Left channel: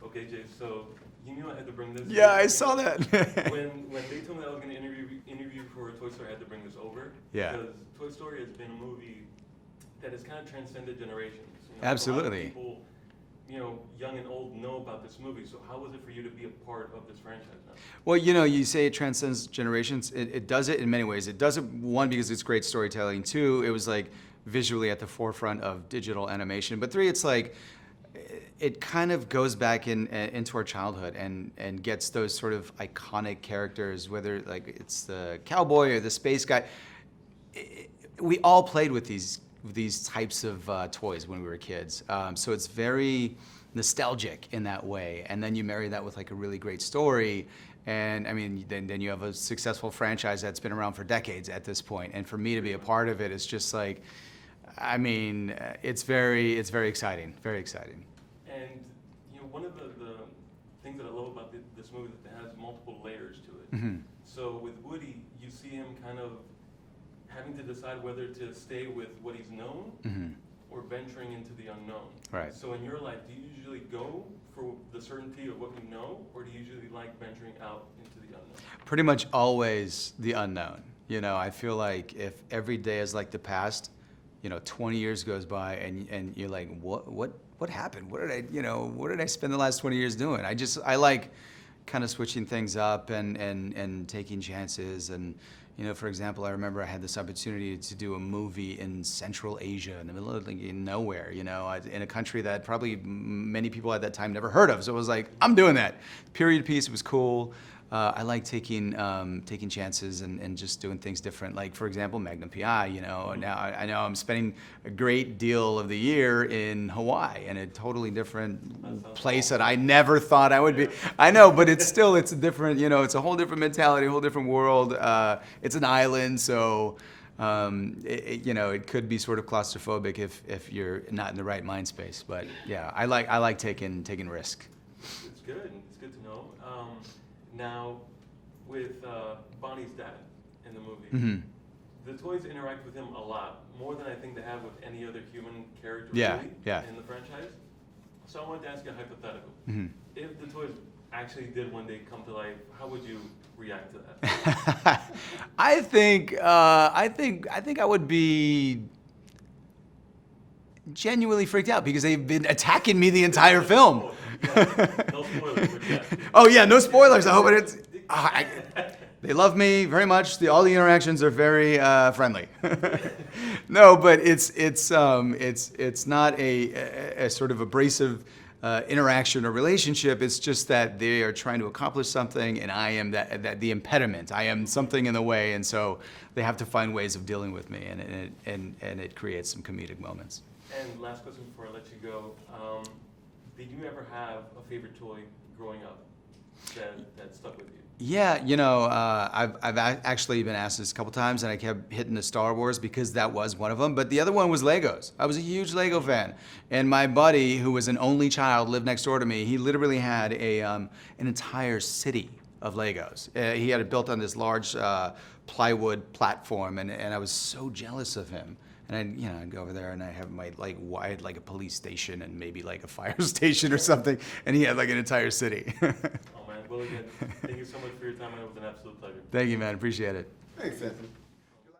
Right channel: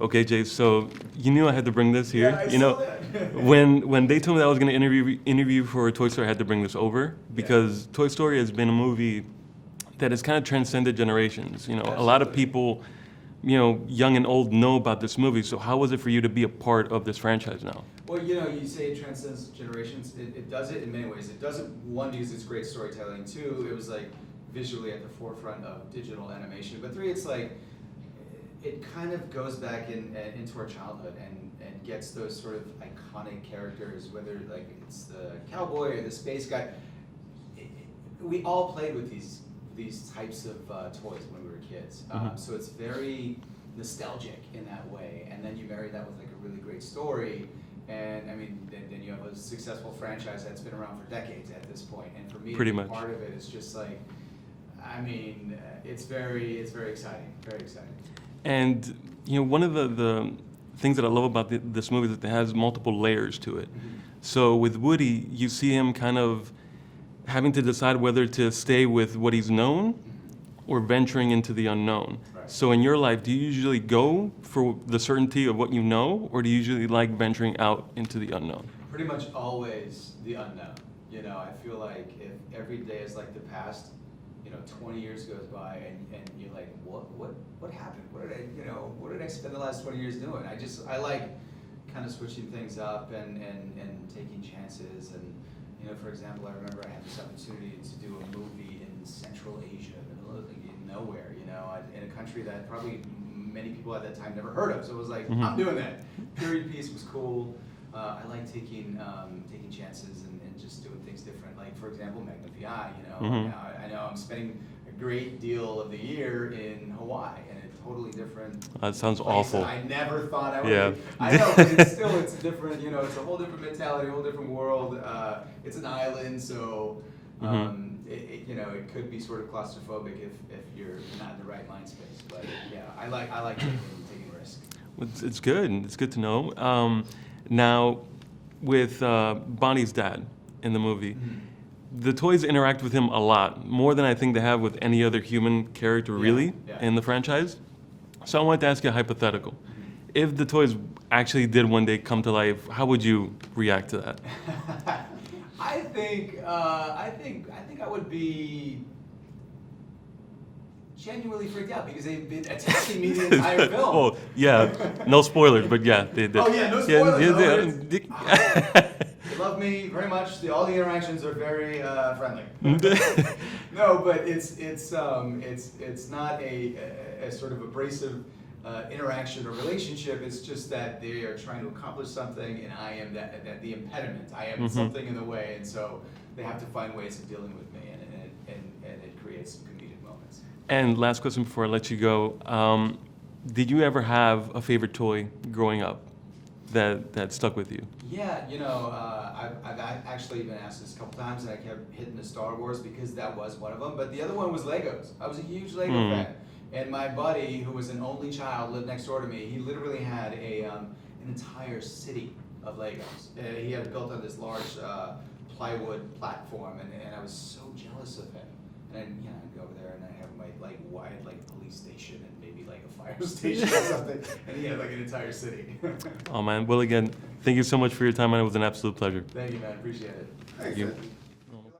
Okay, Jay. So you knew I had to bring this here. Yeah, I you saw know, that. when they told me that I was going to interview for Toy Story, I had to bring this over Yeah. because Toy Story has been a movie that has kind of transcended generations. You know, a lot of Absolutely. people, young and old, know about this movie. So how was it for you to be a part of this franchise now? Well, you say it transcends generations. It does it in many ways. It does it, one, because it's great storytelling. Two, it was like visually at the forefront of digital animation. But three, it's like it kind of goes back into our childhood and gets those sort of iconic characters, whether like it's the cowboy or the space guy. We all played with these types of toys when we were kids. So it's very nostalgic in that way. And then you marry that with like a really great story. And I mean, then you have a successful franchise that's been around for decades at this point. And for me to Pretty be much. a part of it is just like, I mean, it's very exciting, very exciting. And one of the things that I love about this movie is that it has multiple layers to it. So with Woody, you see him kind of having to decide whether to stay with what he's known or venturing into the unknown. Right. So in your life, do you usually go for the certainty of what you know, or do you usually like venturing out into the unknown? Pretty much always the unknown. I feel like if every day is like the past, 20 years goes by and you're like, what happened? What did I spend the last 20 years doing? I like kind of switching things up and taking chances. And for example, I remember I had this opportunity to do a movie in Central Asia, in the middle of like, in nowhere, in a country that probably many people at that time never heard of. So it was like, I'm doing that. Period piece. It was cool. I like taking chances and just doing things different. Like for example, Magnum PI. Now I know I'm spending a great deal of the year in Hawaii, in a totally different That sounds place awful. that I never thought I would Yeah. be. I know, but it's a different. It's a whole different mentality, a whole different world. It's an island, so. It could be sort of claustrophobic if you're not in the right mind space. But yeah, I like taking risk. It's good. It's good to know. Now, with Bonnie's dad in the movie, the toys interact with him a lot, more than I think they have with any other human character, really, in the franchise. So I wanted to ask you a hypothetical. If the toys actually did one day come to life, how would you react to that? I think I would be genuinely freaked out because they've been attacking me the entire film. Oh, yeah. No spoilers, but yeah. Oh yeah, no spoilers. Yeah, But they love me very much. All the interactions are very friendly. No, but it's not a sort of abrasive interaction or relationship. It's just that they are trying to accomplish something, and I am that the impediment. I am something in the way, and so they have to find ways of dealing with me, and it creates some comedic moments. And last question before I let you go. Did you ever have a favorite toy growing up that stuck with you? Yeah, I've actually been asked this a couple times, and I kept hitting the Star Wars because that was one of them. But the other one was Legos. I was a huge Lego fan, and my buddy, who was an only child, lived next door to me. He literally had an entire city of Legos. He had it built on this large plywood platform, and I was so jealous of him. And I'd go over there and I have I had like a police station and maybe like a fire station or something, and he had like an entire city. Oh man, well again, thank you so much for your time, and it was an absolute pleasure. Thank you, man. Appreciate it. Thanks, You- Anthony.